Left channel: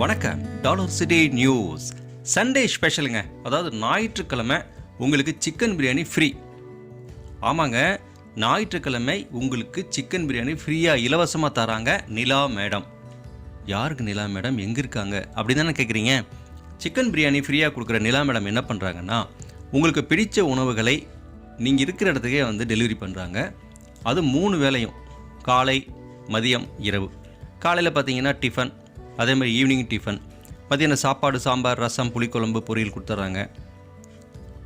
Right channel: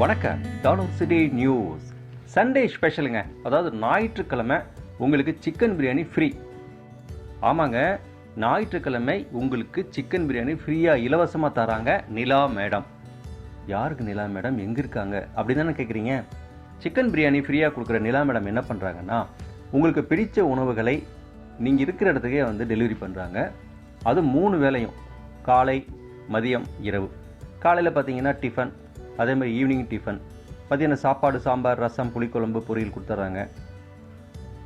வணக்கம். Dollar city news Sunday ஸ்பெஷலுங்க அதாவது ஞாயிற்றுக்கிழமை உங்களுக்கு சிக்கன் பிரியாணி ஃப்ரீ ஆமாங்க. ஞாயிற்றுக்கிழமை உங்களுக்கு சிக்கன் பிரியாணி ஃப்ரீயாக இலவசமாக தராங்க நிலா மேடம். யாருக்கு நிலா மேடம்? எங்கே இருக்காங்க? அப்படி தானே கேட்குறீங்க சிக்கன் பிரியாணி ஃப்ரீயாக கொடுக்குற நிலா மேடம் என்ன பண்ணுறாங்கன்னா உங்களுக்கு பிடித்த உணவுகளை நீங்கள் இருக்கிற இடத்துக்கே வந்து டெலிவரி பண்ணுறாங்க அது மூணு வேளையும். காலை மதியம் இரவு. காலையில் பார்த்தீங்கன்னா டிஃபன் அதே மாதிரி ஈவினிங் டிஃபன் பார்த்தீங்கன்னா சாப்பாடு சாம்பார் ரசம் புளிக்குழம்பு பொரியல் கொடுத்துட்றாங்க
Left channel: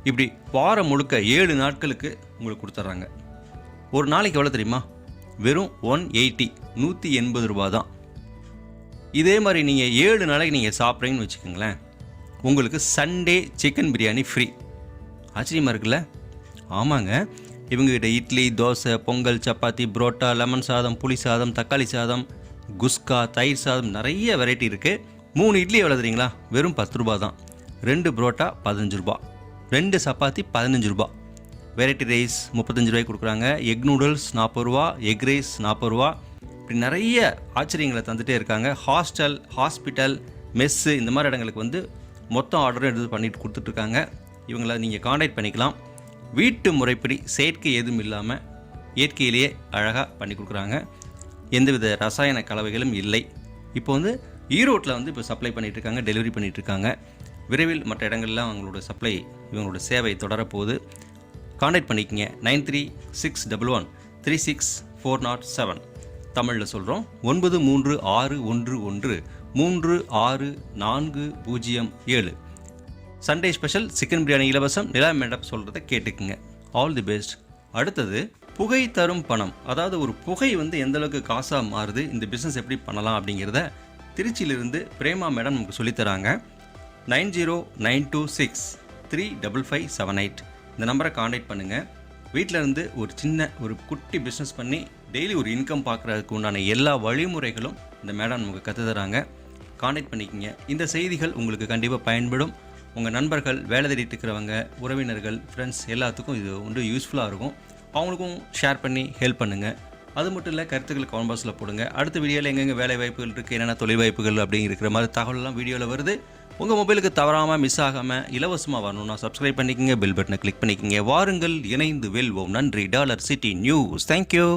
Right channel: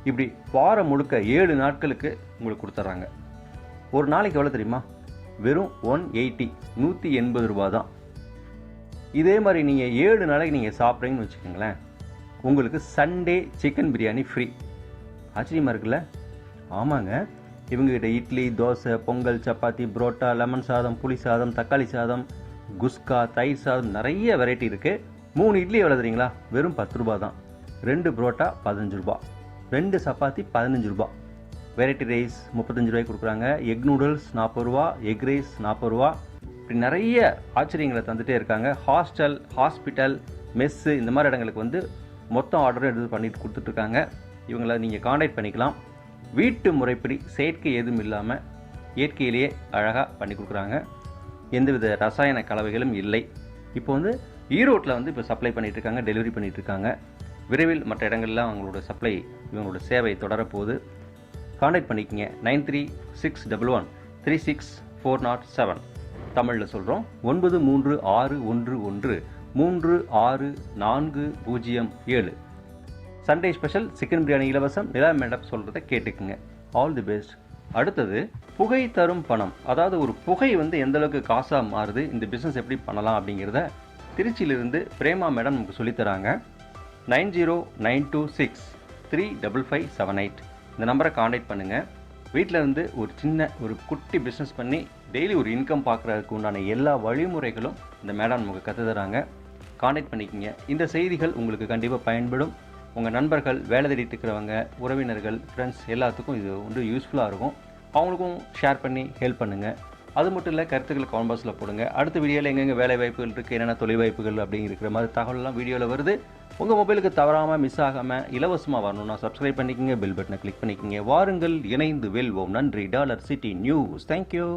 இப்படி வாரம் முழுக்க ஏழு நாட்களுக்கு உங்களுக்கு கொடுத்துட்றாங்க ஒரு நாளைக்கு எவ்வளோ தெரியுமா? வெறும் ஒன் எயிட்டி நூற்றி எண்பது ரூபா தான் இதே மாதிரி நீங்கள் ஏழு நாளைக்கு நீங்கள் சாப்பிட்றீங்கன்னு வச்சுக்கோங்களேன் உங்களுக்கு சண்டே சிக்கன் பிரியாணி ஃப்ரீ ஆச்சரியமாக இருக்குல்ல? ஆமாங்க. இவங்ககிட்ட இட்லி தோசை பொங்கல் சப்பாத்தி புரோட்டா லெமன் சாதம் புளி சாதம் தக்காளி சாதம் குஸ்கா தயிர் சாதம் நிறைய வெரைட்டி இருக்குது மூணு இட்லி எவ்வளோ தெரியுங்களா? வெறும் பத்து ரூபா தான். ரெண்டு புரோட்டா பதினஞ்சு ரூபா ரெண்டு சப்பாத்தி பதினஞ்சு ரூபா வெரைட்டி ரைஸ் முப்பத்தஞ்சு ரூபாய்க்கு கொடுக்குறாங்க. எக் நூடுல்ஸ் நாற்பது ரூபா எக் ரைஸ் நாற்பது ரூபா இப்படி நிறைய ஆச்சரியங்களை தந்துகிட்டே இருக்காங்க. ஹாஸ்டல் ஹாஸ்பிட்டல் மெஸ்ஸு இந்த மாதிரி இடங்களுக்கு வந்து மொத்தம் ஆர்டரும் எடுத்து பண்ணிட்டு கொடுத்துட்ருக்காங்க இவங்களை நீங்கள் காண்டாக்ட் பண்ணிக்கலாம். வீட்டு முறைப்படி செயற்கை எதுவும் இல்லாமல் இயற்கையிலேயே அழகாக பண்ணி கொடுக்குறாங்க. எந்தவித ரசாயன கலவைகளும் இல்லை. இப்போ வந்து ஈரோட்டில் வந்து இப்போ சப்ளை பண்ணிகிட்ருக்காங்க இருக்காங்க டெலிவரி பண்ணிகிட்ருக்காங்க விரைவில் மற்ற இடங்கள்லாம் அவங்களோட சப்ளை இவங்களோட சேவை தொடரப்போகுது. காண்டாக்ட் பண்ணிக்கங்க. Nine three six double one three six four nought seven. தமிழில் சொல்கிறோம் ஒன்பது மூன்று ஆறு ஒன்று ஒன்று மூன்று ஆறு நான்கு பூஜ்ஜியம் ஏழு. சண்டே ஸ்பெஷல் சிக்கன் பிரியாணி இலவசம் நிலா மேடம் சொல்கிறத கேட்டுக்குங்க. ஆல் தி பெஸ்ட் அடுத்தது புகை தரும் பணம் அதாவது ஒரு புகை வந்து எந்த அளவுக்கு காசாக மாறுது இந்த பிஸ்னஸ் எப்படி பண்ணலாம் அப்படிங்கிறத திருச்சியிலிருந்து பிரேமா மேடம் நமக்கு சொல்லித்தராங்க nine zero nine two six three double five seven eight. இந்த நம்பரை காண்டாக்ட் பண்ணுங்கள் வீட்டில் இருந்து ஒரு சின்ன ஒரு குட்டி பிஸ்னஸ் பண்ணி டெய்லி ஒரு இன்கம் பார்க்குறதுக்கு உண்டான எல்லா வழிமுறைகளும் இந்த மேடம் நமக்கு கற்று தராங்க. காண்டாக்ட் பண்ணிக்கிங்க. இந்த செய்திகள் உங்களுக்கு கண்டிப்பாக பயன்படும். உங்கள் நண்பர்கள் வேலை தேடிட்டு இருக்கிறவங்க உறவினர்கள் ஃப்ரெண்ட்ஸ் எல்லாத்துக்கும் இது வந்து யூஸ்ஃபுல்லாக இருக்கும். அவங்களுக்கும் ஷேர் பண்ணி ஹெல்ப் பண்ணுங்கள் அது மட்டும் இல்லை கருத்துக்களை கமெண்ட் பாக்ஸில் போடுங்க. அடுத்த வீடியோவில் எங்கெங்கே வேலை வாய்ப்புகள் இருக்குது என்னென்ன தொழில் வாய்ப்புகள் அப்படிங்கிற மாதிரி தகவல்லாம் வீடியோவில் வருது. உங்கள் மொபைலுக்கு தவறாமல் மிஸ் ஆகாமல் இலவசமாக வரணும்னா சப்ஸ்கிரைப் பண்ணிக்கங்க பெல் பட்டனை கிளிக் பண்ணிக்கங்க. வாருங்கள் இணைந்து வெல்வோம். நன்றி. Dollar city news. தேங்க்யூ